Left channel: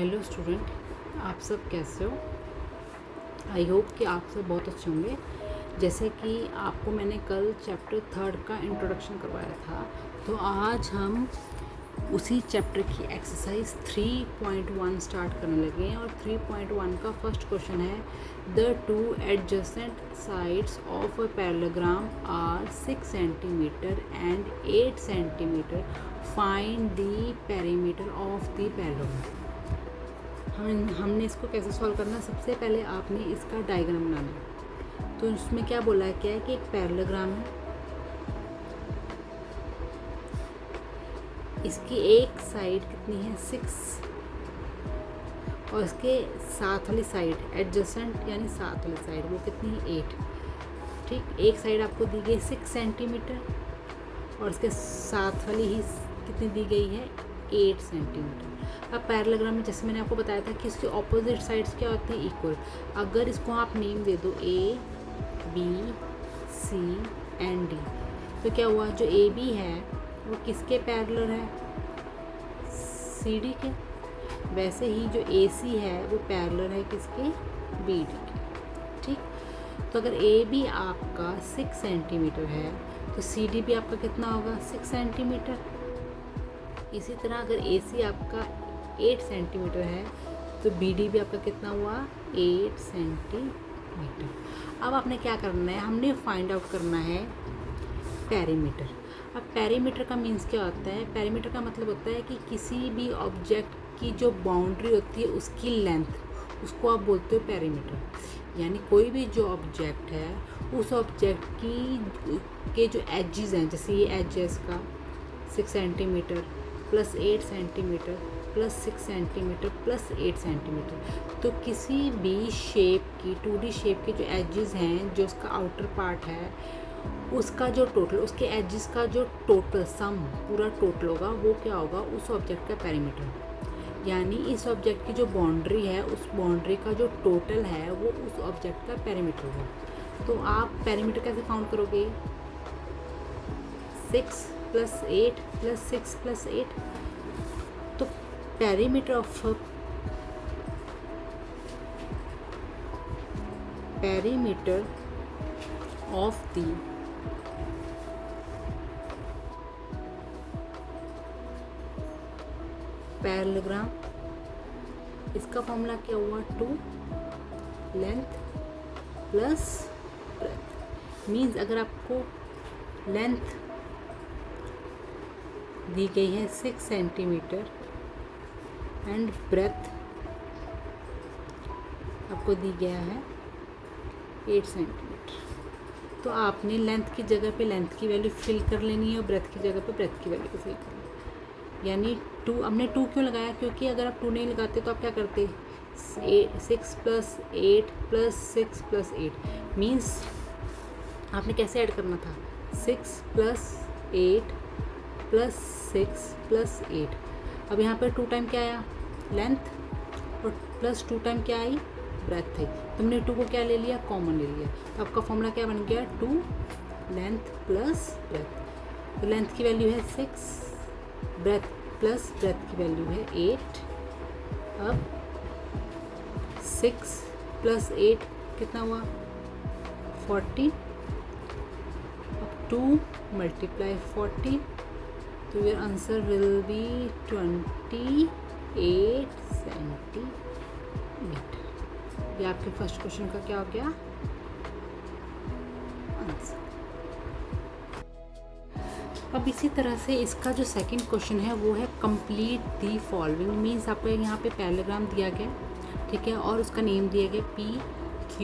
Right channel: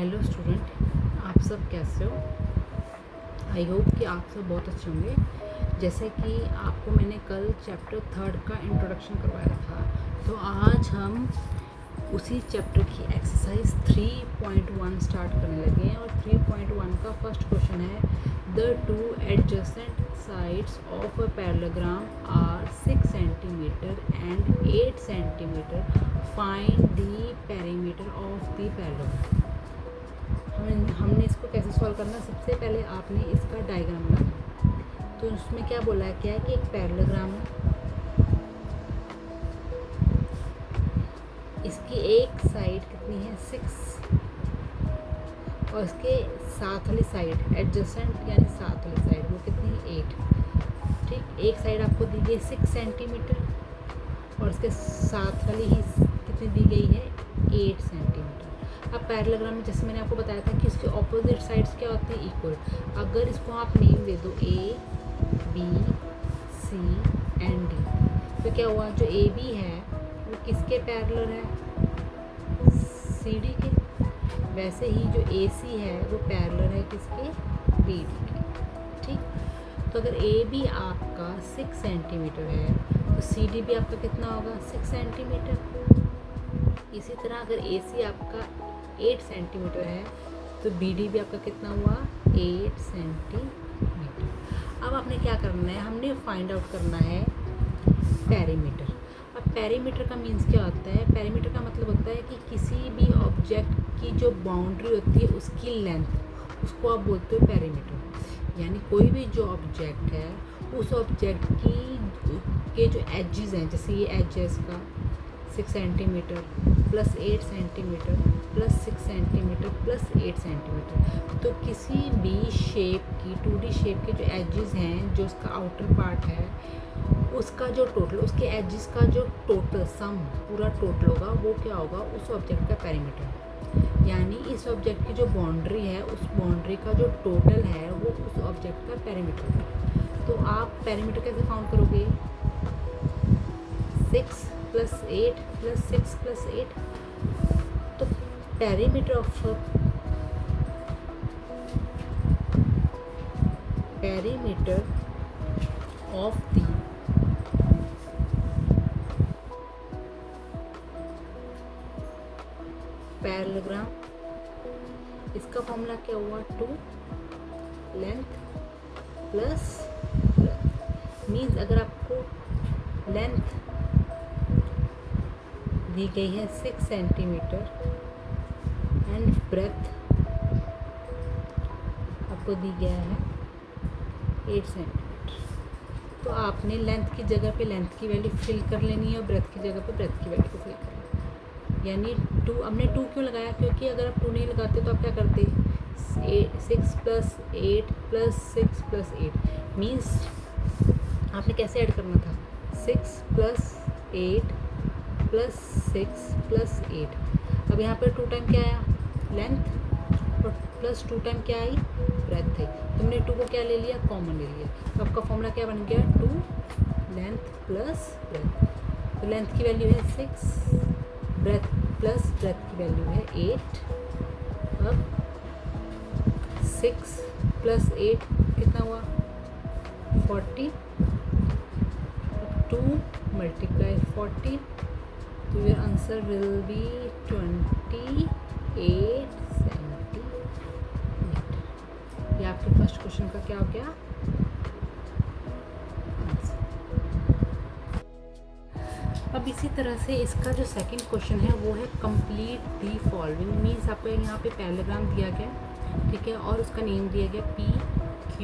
Hello student, आप सब कैसे हो? आई होप कि आप सब बहुत अच्छे होंगे। जैसे कि आपको मैंने कल चैप्टर 3 का इंट्रोडक्शन करवाया था, तो आज हम उसी चैप्टर की एक्सरसाइज 3.1 स्टार्ट करने लगे हैं। और 3.1 का फर्स्ट क्वेश्चन है, the two adjacent sides of a parallelogram are 6 centimetre and 8 centimetre, find the perimeter of the parallelogram. हमने इसको कैसे सॉल्व करना है? सबसे पहले आपने इसका डायग्राम बनाना। तो उसमें क्या बोला है, क्या है कि एक पैरेललोग्राम है, इसकी एक साइड कितनी है 6 और इसके साथ वाली साइड एडजेसेंट यानी साथ वाली साइड वो कितनी है 8। ठीक, एक साइड आपको दी गई 6 सेंटीमीटर और इसके साथ वाली ही कितनी दी गई है 8 सेंटीमीटर। अब पैरेललोग्राम में जैसे मैंने आपको बताया था कि इसके ऑपोजिट साइड्स क्या होते हैं, इक्वल। अगर इसको आप नेम दे दो A B C and D, तो क्या हुआ, जो ए बी है वो किसके पैरेलल है, सी डी के। वैसे ही जो ए सी है वो पैरेलल है किसके, बी डी के। ठीक, तो अगर ए बी आपका 6 सेंटीमीटर है तो सी डी भी आपका कितना होगा 6 सेंटीमीटर। इसी तरह अगर ए सी आपका 8 सेंटीमीटर है तो बी डी भी आपका कितना हुआ 8 सेंटीमीटर। अब आपने क्या करना है, हमने फाइंड आउट करना है पेरीमीटर। अब पेरीमीटर का मीन्स क्या होता है? पेरीमीटर का मतलब होता है कि किसी भी ऑब्जेक्ट की जो बाउंड्री होती है उसकी लेंथ, उसको आप बोलते हो पेरीमीटर। यानी कोई भी जो ऑब्जेक्ट है उस ऑब्जेक्ट की के जो एजेस हैं, जैसे ये एज है इसका 6 centimetre plus 8 centimetre plus 6 centimetre plus 8 centimetre, तो किसी भी शेप की 2D शेप के जो एजेस हैं, जो उसका आउटर पार्ट है, उसका जो टोटल, उसके एजेस का जो टोटल सम पूरा टोटल होगा वो क्या होगा, उस ऑब्जेक्ट का पेरीमीटर। यानी इस ऑब्जेक्ट की जो बाउंड्री है उस बाउंड्री का जो टोटल है वो उस ऑब्जेक्ट का पेरीमीटर होगा। तो आप पेरीमीटर कैसे काउंट करोगे, 6 प्लस 8 प्लस 6 प्लस 8। तो पेरीमीटर ऑफ द पैरेललोग्राम, इसका फॉर्मूला क्या हुआ, 2 लेंथ प्लस ब्रेथ। मीन्स अगर आपको लेंथ दी गई है 6 सेंटीमीटर एंड ब्रेथ आपको दी गया है 8 सेंटीमीटर, तो आपने लेंथ की जगह पे लेंथ की वैल्यू फिल कर लेनी है और ब्रेथ की जगह पे ब्रेथ की वैल्यू को फिल करना है। यानी 2, हमने 2 क्यों लगाया, क्योंकि अगर आप 2 नहीं लगाते तो आप क्या करते, 6 प्लस 8 प्लस 6 प्लस 8। मीन्स आपने कैसे ऐड करना था, 6 प्लस 8 प्लस 6 प्लस 8। अब यहाँ पर 2 टाइम क्या आया, लेंथ, प्लस 2 टाइम क्या आई, ब्रेथ है। तुमने 2 को क्या ले लिया, कॉमन ले लिया। तो आपका फॉर्मूला क्या बन गया, 2 लेंथ प्लस ब्रेथ। तो लेंथ की वैल्यू है 6, ब्रेथ प्लस ब्रेथ की वैल्यू है 8। अब 6 प्लस 8 कितना हुआ 40। अब 2 मल्टीप्लाई 40, तो your answer will be 28 centimetre. ये आपके फर्स्ट क्वेश्चन का क्या हो गया आंसर। अब इसी तरह से इसका जो सेकंड क्वेश्चन है वो है कंप्लीट दी फॉलोइंग। मीन्स आपको यहाँ पे पैरेललोग्राम दिया गया, ठीक है, और उसका नेम दिया गया P Q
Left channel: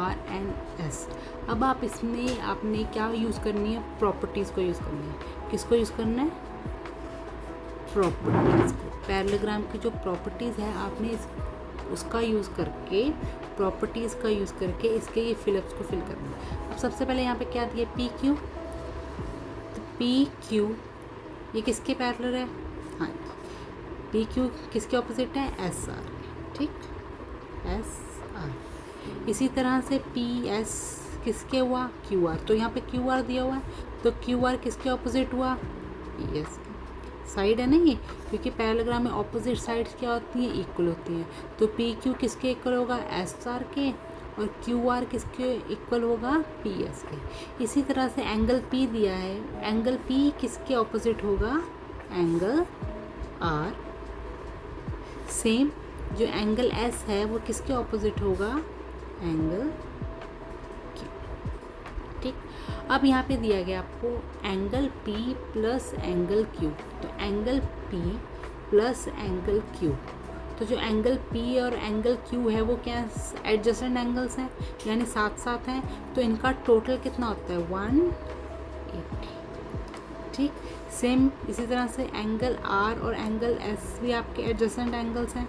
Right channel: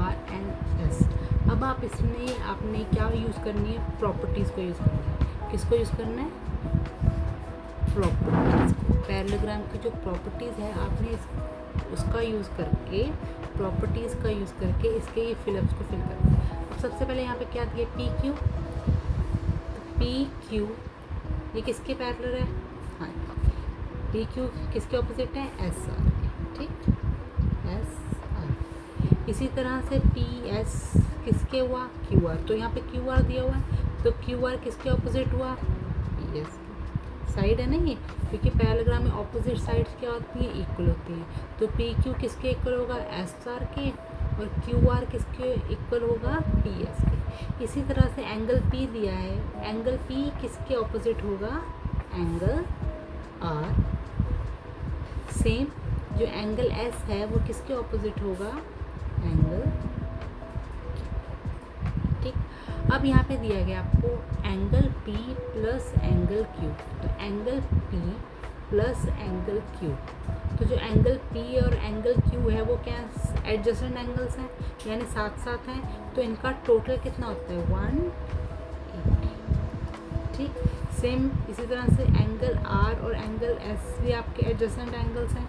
R and S। अब आप इसमें आपने क्या यूज़ करनी है, प्रॉपर्टीज़ को यूज़ करना है। किसको यूज़ करना है, प्रॉपर्टीज़ को। पैरेललोग्राम की जो प्रॉपर्टीज़ है आपने उसका यूज़ करके, प्रॉपर्टीज़ का यूज़ करके इसके ये फिलअप्स को फिल करना है। अब सबसे पहले यहाँ पे क्या दिया, पी क्यू। तो पी क्यू ये किसके पैरेलल है, हाँ, पी क्यू किसके ऑपोजिट है, एस आर। ठीक, एस आर। इसी तरह से पी एस किसके हुआ, क्यू आर। तो यहाँ पे क्यू आर दिया हुआ है, तो क्यू आर किसके ऑपोजिट हुआ, पी एस। साइड है ना ये, क्योंकि पैरेललोग्राम में ऑपोजिट साइड्स क्या होती हैं, इक्वल होती हैं। तो पी क्यू किसके इक्वल होगा, एस आर के, और क्यू आर किसके इक्वल होगा, पी एस के। इसी तरह से एंगल पी दिया है, एंगल पी किसके ऑपोजिट होगा, एंगल आर। सेम जो एंगल एस है वो किसके ऑपोजिट होगा, एंगल क्यू। ठीक, अब यहाँ पे दिया गया आपको angle P plus angle Q, तो angle P plus angle Q, तो जो एंगल P और एंगल Q है वो क्या एडजेसेंट एंगल्स हैं, यानी साथ साथ हैं, तो इनका टोटल कितना होता है, 180। ठीक, सेम इसी तरह से एंगल R और एंगल S भी आपके एडजेसेंट एंगल्स हैं,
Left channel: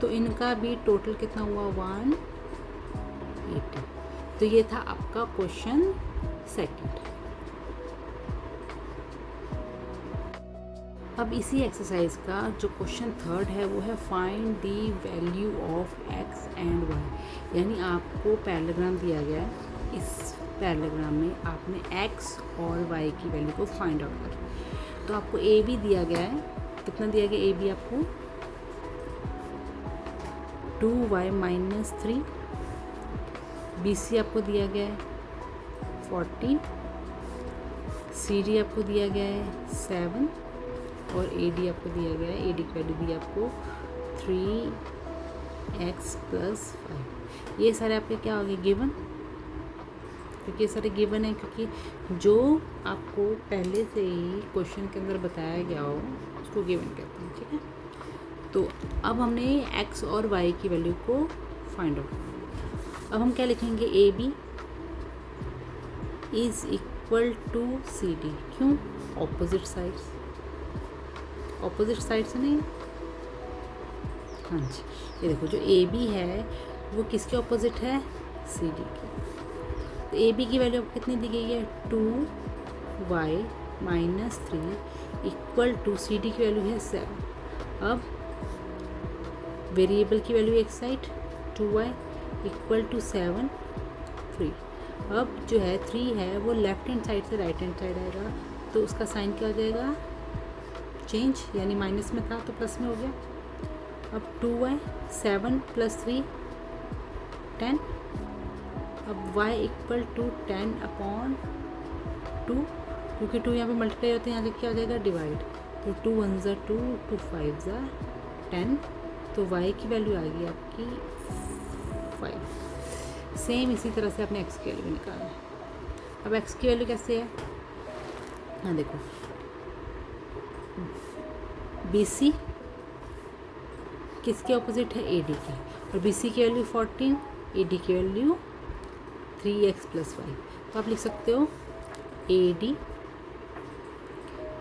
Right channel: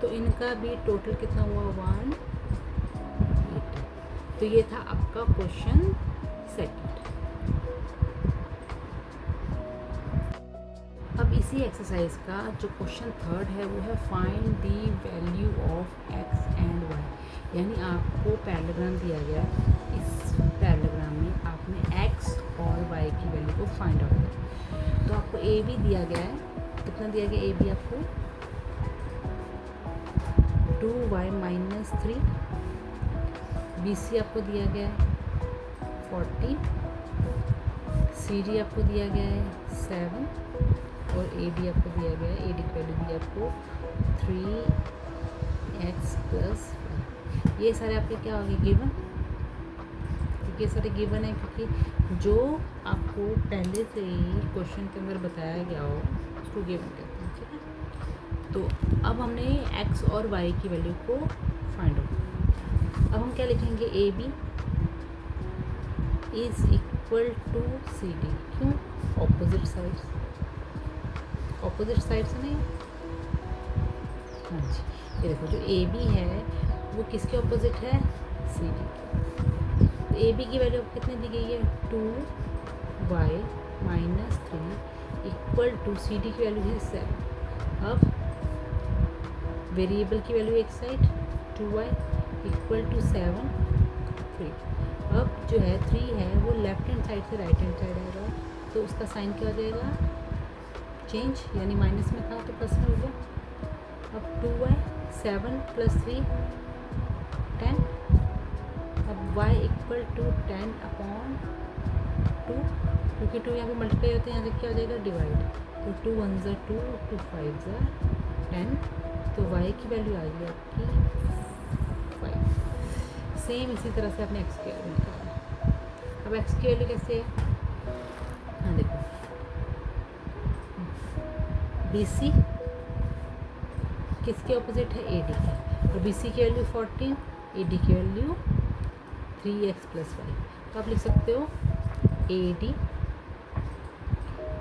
तो इनका भी टोटल कितना हुआ, 180। तो ये था आपका क्वेश्चन सेकंड। अब इसी एक्सरसाइज का जो क्वेश्चन थर्ड है वो है find the value of X and Y, यानी आपको पैरेललोग्राम दिया गया, इस पैरेललोग्राम में आपने एक्स और वाई की वैल्यू को फाइंड आउट करना। तो आपको ए बी दिया गया है, कितना दिया गया ए बी आपको, 2y माइनस 3, बी सी आपको दिया गया है 14, सी डी आपको दिया गया है 7, और ए डी आपको दिया गया है, ए डी की वैल्यू दी आपको 3x प्लस 5। ये सारे आपके क्या हो गए, गिवन, क्योंकि ये सारे गिवन है, क्योंकि जो आपको पहले से ही क्वेश्चन के अंदर बताया गया हो उसको गिवन कहते हैं। ठीक है, तो अब हमने x और y की वैल्यू को फाइंड आउट। अब हम क्या लिखेंगे, A B is equal to C D, क्यों, ऑपोजिट साइड्स, ऑपोजिट साइड से नहीं, हाँ जी, ये देखो जो ए बी है वो किसके ऑपोजिट है, सी डी के। तो ए बी की वैल्यू कितनी दी गई है, 2y minus 3 equal to C D की वैल्यू है 7। अब वेरिएबल की वैल्यू एक साइड 2y इक्वल टू 7 3। अब जो है 3 है वो लेफ्ट हैंड साइड से राइट हैंड साइड आएगा, तो उसका साइन क्या हो जाएगा, चेंज, यानी माइनस में था तो प्लस में हो गया। अब 2y 7 प्लस 3 10, अब y इक्वल टू 10 अपॉन 2, क्योंकि 2 यहाँ पे मल्टीप्लाई होते हैं, यहाँ से क्या हो जाएगा, डिवाइड, तो 2 1 ज़ा 2, 2 5 ज़ा 10, तो y की वैल्यू आ गई आपकी 5। सेम इसी तरह से अपने x की वैल्यू निकालना। अब x की वैल्यू कैसे है, हाँ देखो, बी सी किसके ऑपोजिट है, ए डी के, और बी सी की वैल्यू 14, ए डी की वैल्यू 3x प्लस 5। तो आप लिख सकते हो A D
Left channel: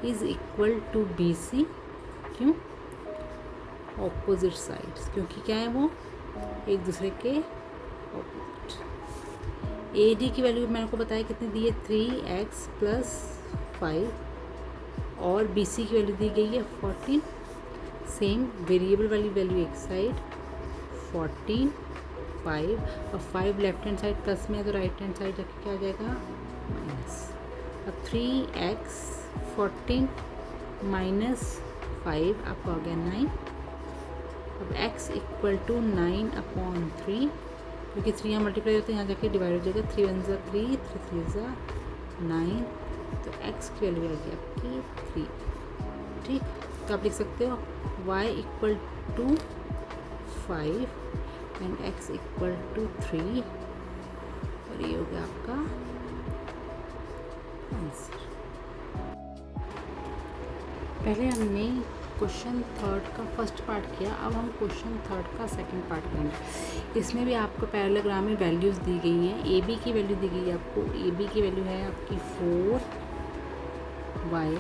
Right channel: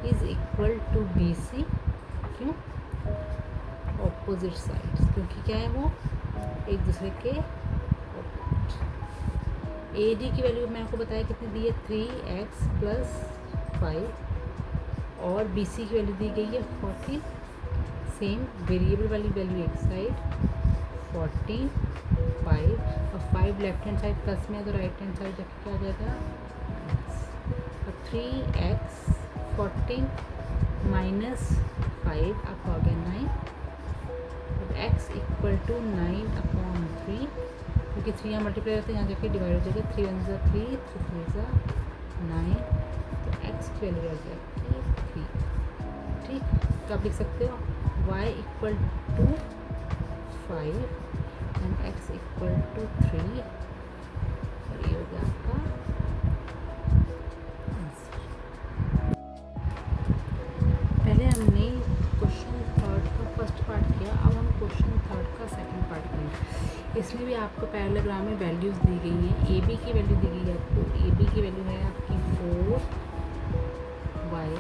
is equal to B C, क्यों, ऑपोजिट साइड्स, क्योंकि क्या है वो एक दूसरे के ऑपोजिट। ए डी की वैल्यू मैंने को बताया कितनी दी है, 3x प्लस 5, और बी सी की वैल्यू दी गई है 14। सेम वेरिएबल वाली वैल्यू एक साइड 14 5, और 5 लेफ्ट हैंड साइड प्लस में है तो राइट हैंड साइड जाके क्या हो जाएगा, अब 3x 14 माइनस 5 आपका हो गया 9, अब x इक्वल टू 9 अपॉन 3, क्योंकि 3 यहाँ मल्टीप्लाई होते हैं, यहाँ जाके डिवाइड हो जाएगा, 3 1 ज़ा 3, 3 3 ज़ा 9, तो x की वैल्यू आ गई आपकी 3। ठीक, तो आप लिख सकते हो y equal to 5 and x equal to 3, और ये हो गया आपका आंसर। पहले हमने क्वेश्चन थर्ड का फर्स्ट पार्ट किया, अब हम क्वेश्चन थर्ड का सेकंड पार्ट करेंगे। इसमें भी आपको पैरेललोग्राम में वैल्यूज़ दी गई हैं। ए बी की वैल्यू दी गई है आपको, ए बी की वैल्यू है आपकी 4y,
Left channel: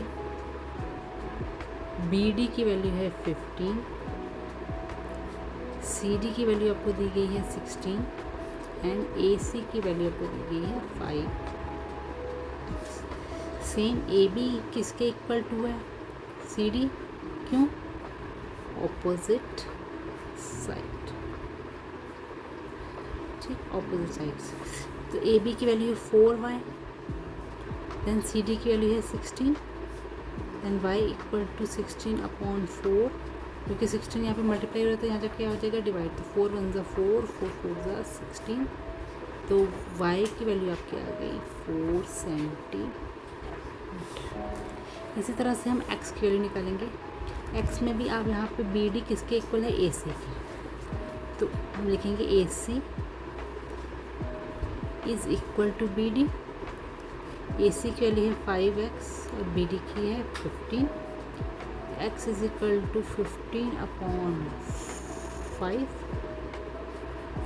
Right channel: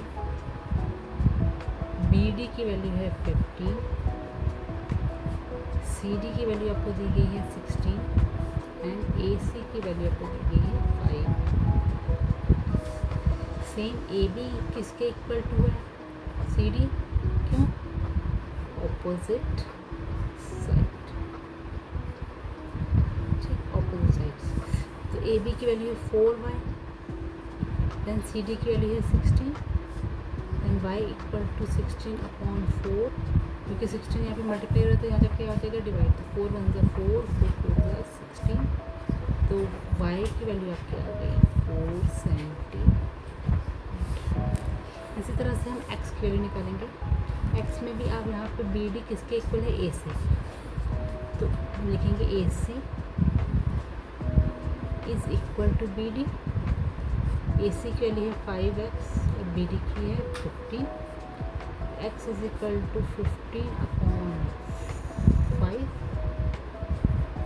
बी डी की वैल्यू है 15, सी डी की वैल्यू आपको दी गई है 16, एंड ए सी की वैल्यू आपको दी गई है 5। सेम ए बी किसके इक्वल टू है, सी डी, क्यों, ऑपोजिट साइड, ठीक, ऑपोजिट साइड्स। तो ए बी की वैल्यू है 4y, देन सी डी की वैल्यू है 16, देन y इक्वल टू 16/4, क्योंकि 16 यहाँ पे मल्टीप्लाई हो रहा है तो यहाँ जाके आ जाएगा डिवाइड, तो 4 1 ज़ा 4, 4 4 ज़ा 16, तो y की वैल्यू आपकी आ गई 470। इसी तरह से हम x की वैल्यू निकालेंगे। x में भी आप यहाँ पे बी डी किसके इक्वल है, ए सी, तो हम लिखेंगे A C is equal to B D. A C की वैल्यू है 5x और बी डी की है 15। x इज इक्वल टू 15/5,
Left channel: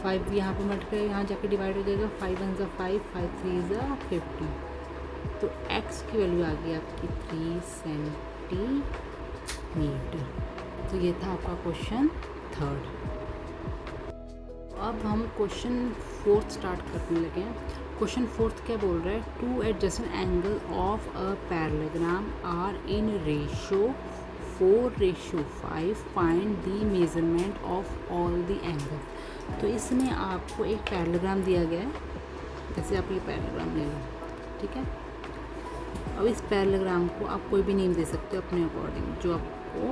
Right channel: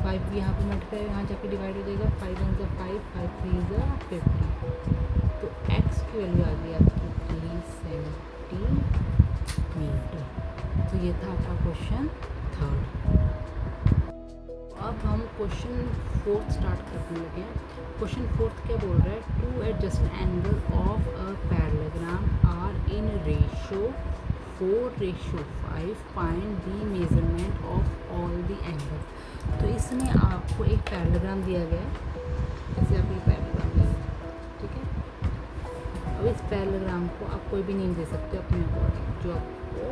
5 यहाँ पे मल्टीप्लाई यहाँ जाके डिवाइड हो जाएगा, 5 1 ज़ा 5, 5 3 ज़ा 50, तो x की वैल्यू आ गई आपकी 3 सेंटीमीटर। तो ये था आपका क्वेश्चन थर्ड। अब हम क्वेश्चन फोर्थ स्टार्ट करने लगे हैं। क्वेश्चन फोर्थ क्या बोल रहा है, two adjacent angle of a parallelogram are in ratio 4:5, find the measurement of all the angle. तो इसमें आपको एक पैरेललोग्राम दिया गया है, जैसे आप ये पैरेललोग्राम लेंगे, ठीक है। अब इस पैरेललोग्राम को आप कोई भी नेम दे सकते हो अपने अकॉर्डिंग, जो आपको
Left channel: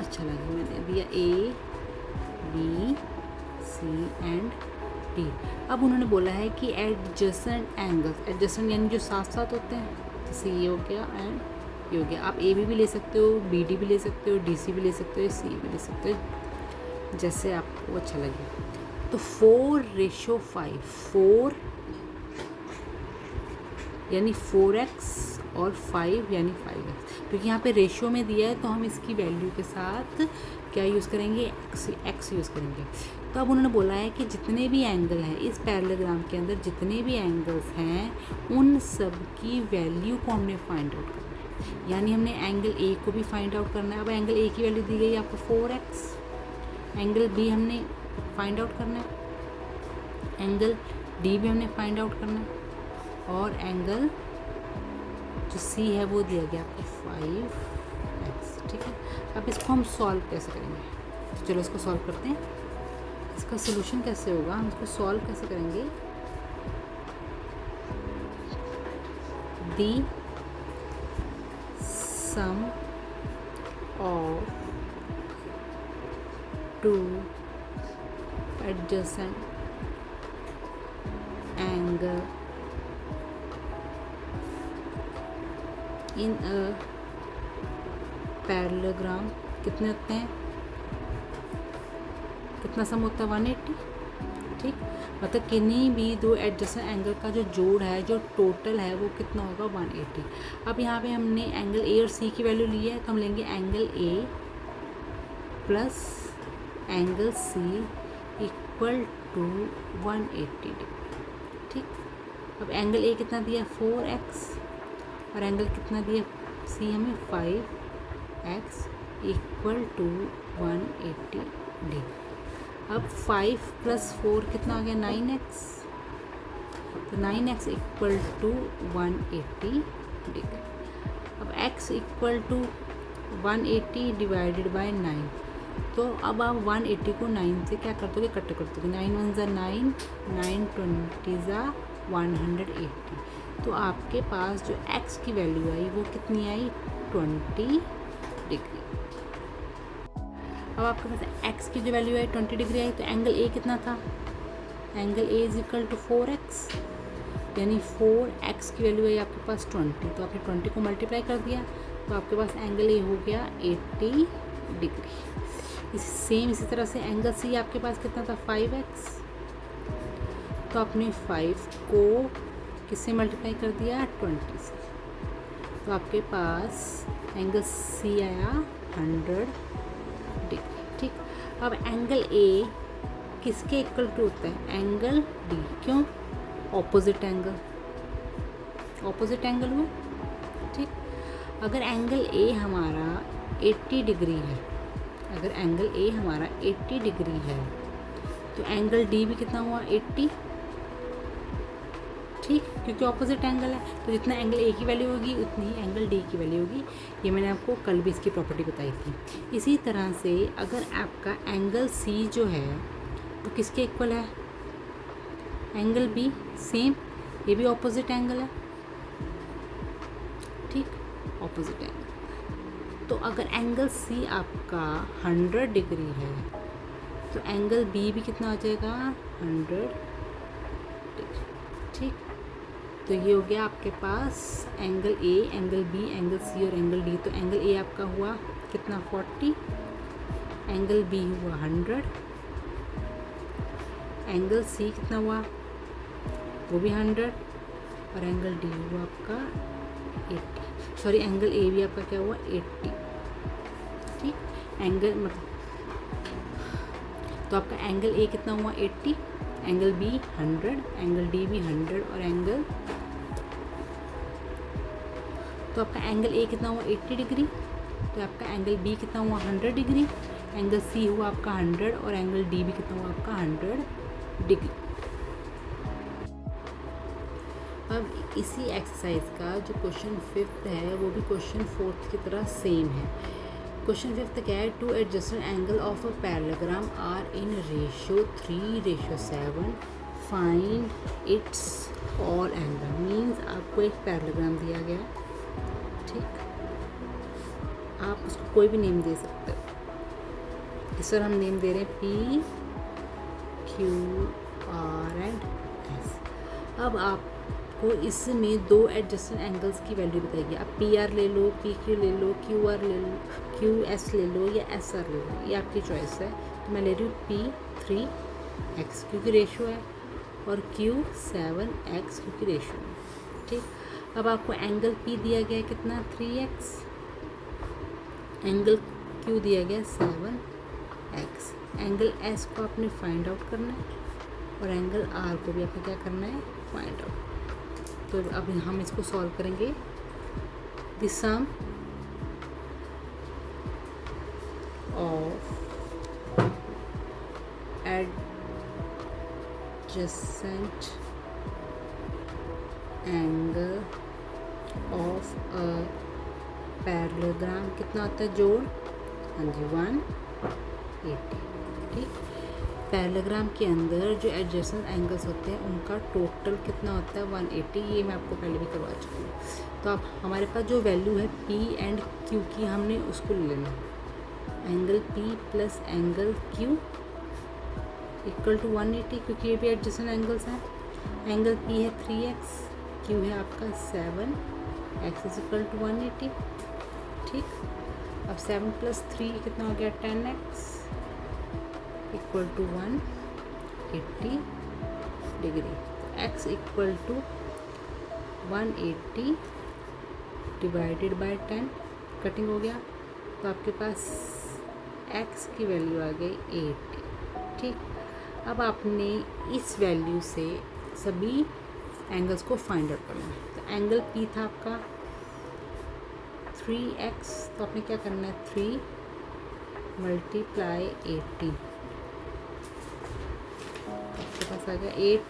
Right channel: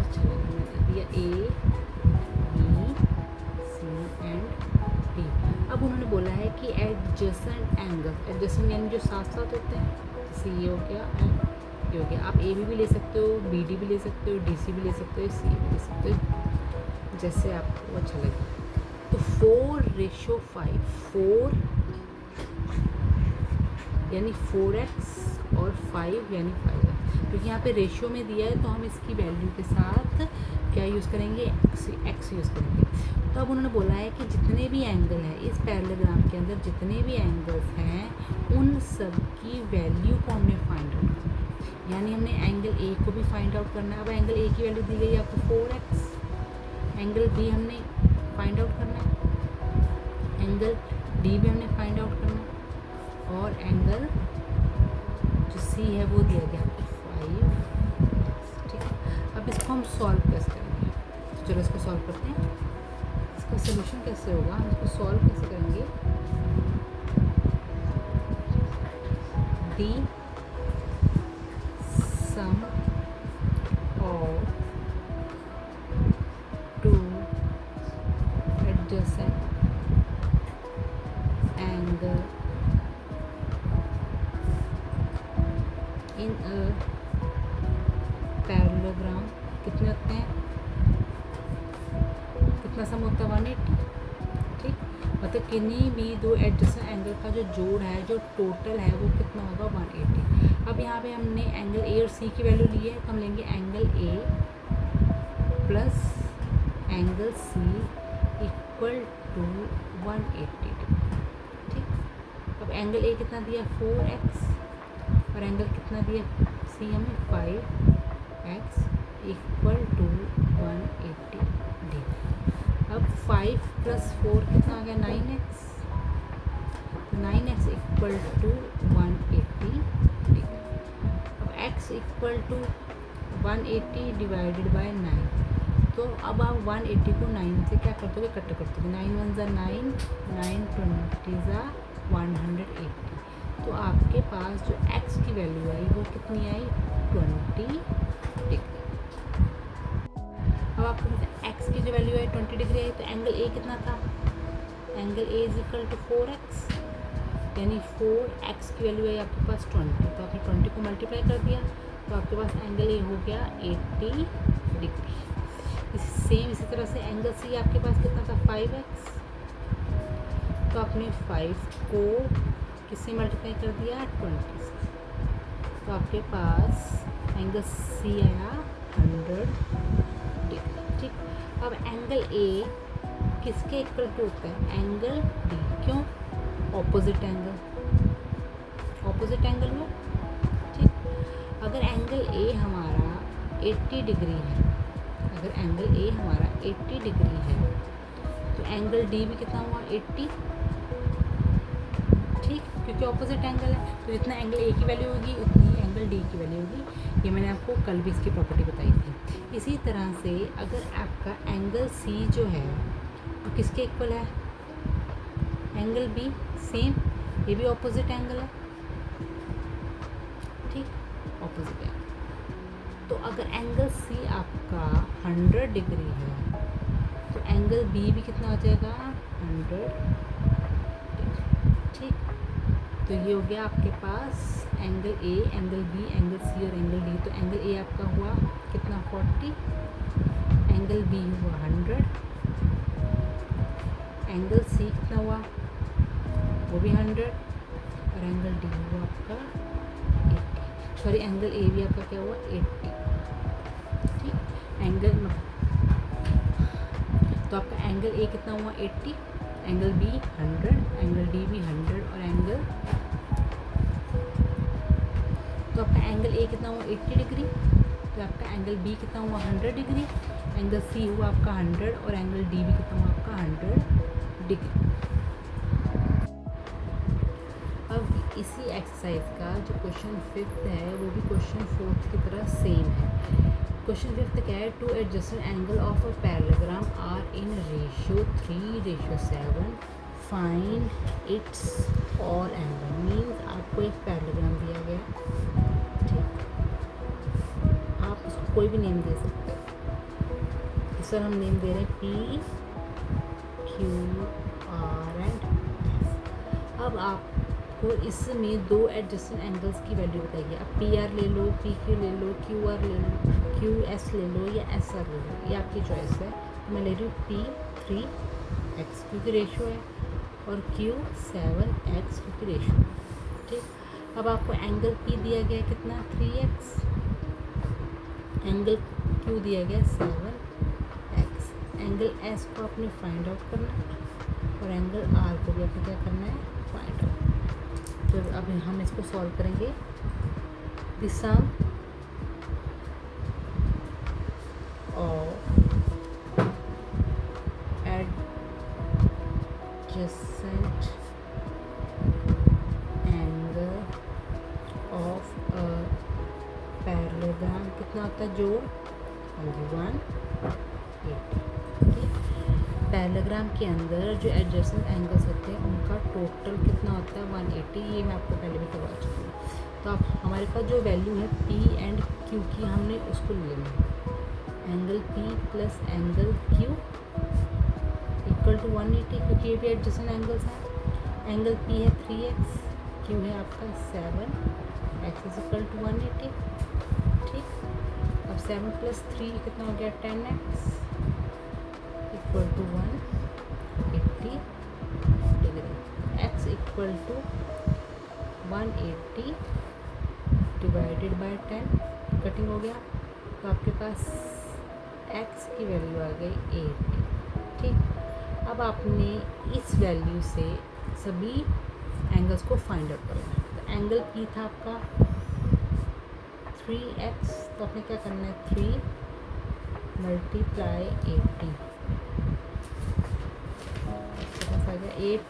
अच्छा लगे। मैंने दिया A B C and D. अब उन्होंने बोला है कि एडजेसेंट एंगल, एडजेसेंट यानी जो साथ साथ होते हैं, जैसे ये हो गया एंड ये हो गया। आप ए बी भी ले सकते हो, बी डी भी ले सकते हो, डी सी भी ले सकते हो, सी भी ले सकते हो, जैसे आपको अच्छा लगे। तो 4:5, 4 यानी 4x और 5 यानी 5x, क्योंकि यहाँ पे रेशियो में दिया है तो हम इसकी वैल्यू के साथ क्या यूज़ करेंगे, x यूज़ करेंगे। तो अब उन्होंने बोला है कि जितने भी एंगल हैं इस पैरेललोग्राम के अंदर, जितने भी एंगल्स हैं उन सब की वैल्यू को हमने फाइंड आउट करना है। यानी हमने एंगल ए को भी फाइंड आउट करना है। अब एंगल ए की वैल्यू दी गई आपको 4x, एंगल बी हमने फाइंड आउट करना है, एंगल डी भी हमने फाइंड आउट करना है, और एंगल जो सी है वो दिया गया आपको 5x, ठीक है। अब इसको हम सॉल्व कैसे करेंगे, तो चलो इसको सॉल्व करते हैं। इसका सोल्यूशन कैसे होगा, हम इसको सॉल्व कैसे करेंगे। The sum of two adjacent angle in a parallelogram कितने होते हैं, कितना सम होता है 180, ठीक। मतलब किन्हीं भी दो एडजेसेंट एंगल का जो जोड़ है, जो टोटल है वो कितना होगा 180। अब यहाँ पे हमने एंगल ए और सी की वैल्यू ली है, तो हम लेंगे angle A plus angle C equal to 180 degree, ठीक। अब एंगल ए कितना दिया 4x और एंगल कितना दिया सी हमें 5x इक्वल टू 180 डिग्री। अब 5 + 4 कितना आ गया 9x, तो 9x इक्वल टू 180 डिग्री। अब x equal to 180 divided by 9, तो अब आप 180 को 9 से क्या कर दोगे, कट कर दोगे। 9 1 ज़ा 9, 9 20 ज़ा 180, तो आपके पास जो x की वैल्यू आई वो कितनी आई 20 डिग्री। अब आपके पास x की जो वैल्यू है 20 डिग्री आई, तो एंगल a कितना था, angle a is equal to 4x, यानी 4x की वैल्यू है आपके पास 20, तो आपने 20 को मल्टीप्लाई कर दिया, तो आपके पास एंगल a हो गया 80 डिग्री। इसी तरह से एंगल c आपके पास कितना था 5x, तो आपने 5 को किससे मल्टीप्लाई कर दिया 20 से, तो आपके पास एंगल c आया 100 डिग्री, ठीक। अब एंगल ए किसके इक्वल टू होता है, एंगल डी, क्यों, ऑपोजिट एंगल, ऑपोजिट एंगल हुआ, ठीक। अगर एंगल ए हमारा 80 डिग्री है, अगर एंगल ए हमारा 80 डिग्री है, तो एंगल डी भी कितना हुआ 80, ठीक, क्योंकि ऑपोजिट एंगल है, तो जितना एंगल ए की वैल्यू होगी उतनी ही एंगल डी की वैल्यू होगी। ये मैंने आपको कल भी इसकी प्रॉपर्टी बताई थी। इसी तरह से अगर आपका एंगल सी जो है वो किसके इक्वल है, एंगल बी, सेम, ये भी ऑपोजिट एंगल है, ठीक, ऑपोजिट एंगल। तो अगर एंगल सी आपका 100 डिग्री है तो एंगल बी भी कितना हो जाएगा 100 डिग्री। ठीक, तो ये हो गया आपके पास angle A, angle B, angle C और एंगल डी। तो एंगल ए आपका हुआ कितना 40, एंगल बी हुआ 100, एंगल सी कितना हुआ वो भी 100 और एंगल डी हुआ आपका 80, सॉरी एंगल ए भी आपका क्या हुआ 80। ठीक, एंगल तो आपका एंगल ए कितना हुआ 80, एंगल बी 100, एंगल डी भी 100 और एंगल, तो आपका एंगल ए कितना हुआ 80 डिग्री, तो आपका एंगल बी कितना हुआ 100 डिग्री, एंगल सी हुआ आपका 100 और एंगल डी भी कितना हुआ आपका 100 डिग्री। अब इसी एक्सरसाइज का जो क्वेश्चन 5th है वो भी क्वेश्चन 4th की तरह सेम है। क्वेश्चन 5th क्या है, two adjusted angle of a parallelogram are in ratio 3:7, find its all angle. Means आपको एक पैरेललोग्राम दिया गया, ठीक, आप उसको कोई भी नेम दे सकते हो। इस पर हम नेम दे रहे हैं P, Q, R and S. अब आपको इसमें दो एडजस्टेड एंगल्स की वैल्यू बताइए। आप पी आर ले लो, पी क्यू ले लो, क्यू आर ले लो, क्यू एस ले लो या एस आर ले लो, ये आपकी चॉइस है। तो मैं ले रही हूँ पी 3x क्योंकि रेशो है और क्यू 7x क्योंकि रेशो है। ठीक, अब आपको एंगल पी दिया गया है कितना 3x, एंगल क्यू दिया गया 7x, एंगल एस को आपने फाइंड आउट करना है और एंगल आर को भी आपको क्या करना है फाइंड आउट। तो अब हम इसको सॉल्व करेंगे। The sum of adjacent angle of a parallelogram कितना होता है जोड़, हाँ जी 180। ठीक, पैरेललोग्राम के अंदर जो एडजेसेंट एंगल्स होते हैं उनका टोटल कितना होता है 180। ये मैं आपको पहले भी करवा चुकी हूँ। तो अब हमारे पास जो वैल्यू है पी एंड क्यू की हमने उसको ले लेना, angle P plus angle Q equal to 180 क्योंकि ये भी एडजेसेंट एंगल्स हैं। एंगल पी है 3x, क्यू है आपका 7x इज इक्वल टू 180। ठीक, अब 7 + 3 कितना हो गया 10x equal to 180 degree. x equal to 180 divided by 10, cutting हो गया तो आपके पास x की वैल्यू आ गई 80। ठीक, अब आपने इस वैल्यू से सभी एंगल्स को फाइंड आउट करना है। तो एंगल p था आपका 3x, तो आपने क्या करना है 3 × 80, आपके पास आ गया 8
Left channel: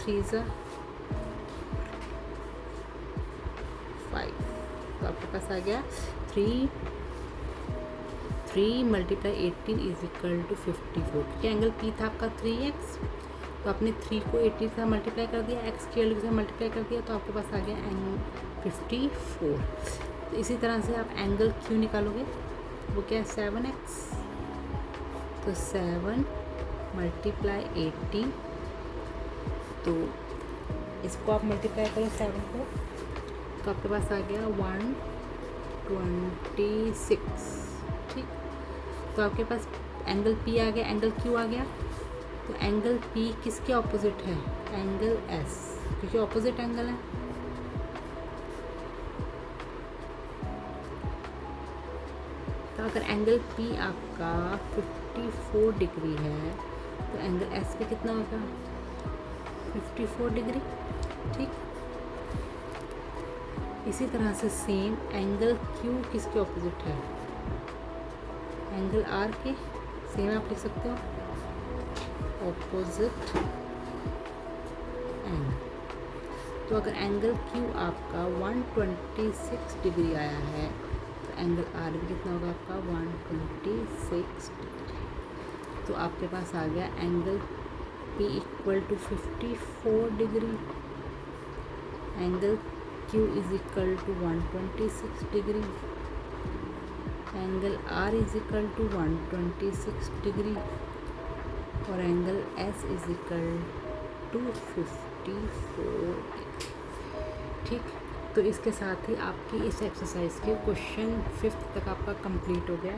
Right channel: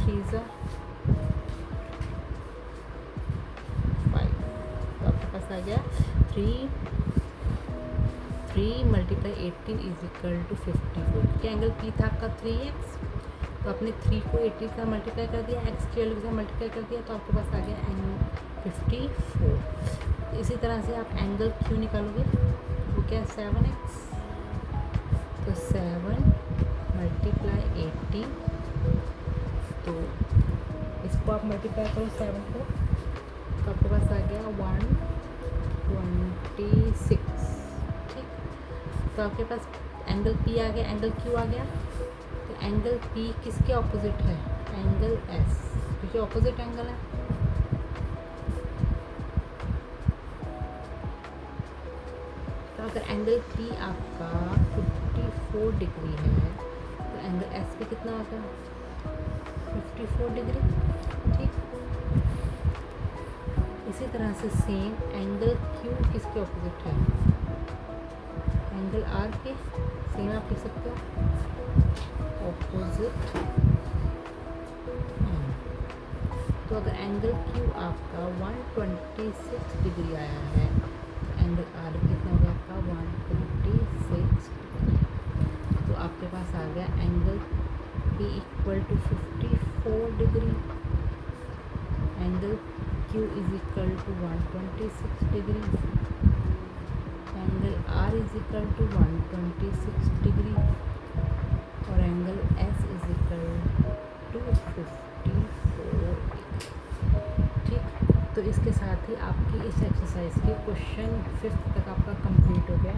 3 × 5, तो आपके पास आ गया 3 × 18 इज इक्वल टू 54। क्या एंगल पी था आपका 3x, तो आपने 3 को 80 से मल्टीप्लाई कर दिया, x की वैल्यू से मल्टीप्लाई कर दिया, तो आपके पास आ गया एंगल 54। तो इसी तरह से आप एंगल क्यू निकालोगे, वो क्या है 7x, तो 7 × 80, तो इसको आप मल्टीप्लाई करें 7 को, तो आपके पास आ गया 126। ठीक, तो आपके पास एंगल पी आ गया, एंगल क्यू आ गया। तो एंगल पी किसके ऑपोजिट है, एंगल एस, क्योंकि ऑपोजिट एंगल है। तो अगर एंगल पी आपका 54 डिग्री है तो एंगल एस पे कितना होगा 54 डिग्री। ठीक, इसी तरह से सेम एंगल क्यू किसके ऑपोजिट है, एंगल आर के। सेम आप लिख सकते हो ऑपोजिट एंगल। तो अगर एंगल क्यू आपका 126 डिग्री आया है तो एंगल आर भी कितना होगा आपका 126 डिग्री। तो आपके पास आ गया angle P equal to 54 degree, angle Q is equal to 126 degree. Angle R is equal to 126 degree और angle S is equal to 54। ठीक, तो इसके साथ ही आपकी इस एक्सरसाइज के क्वेश्चन 5th तक आपका कंप्लीट हो गया।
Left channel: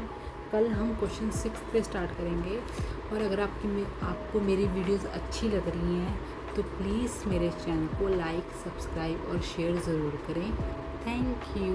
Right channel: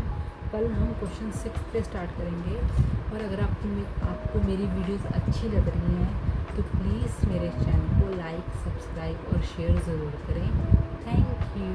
कल हम क्वेश्चन 6 पे स्टार्ट करेंगे। और अगर आपको मेरी वीडियोस अच्छी लग रही हैं तो प्लीज़ मेरे चैनल को लाइक, सब्सक्राइब और शेयर ज़रूर करें। Thank you.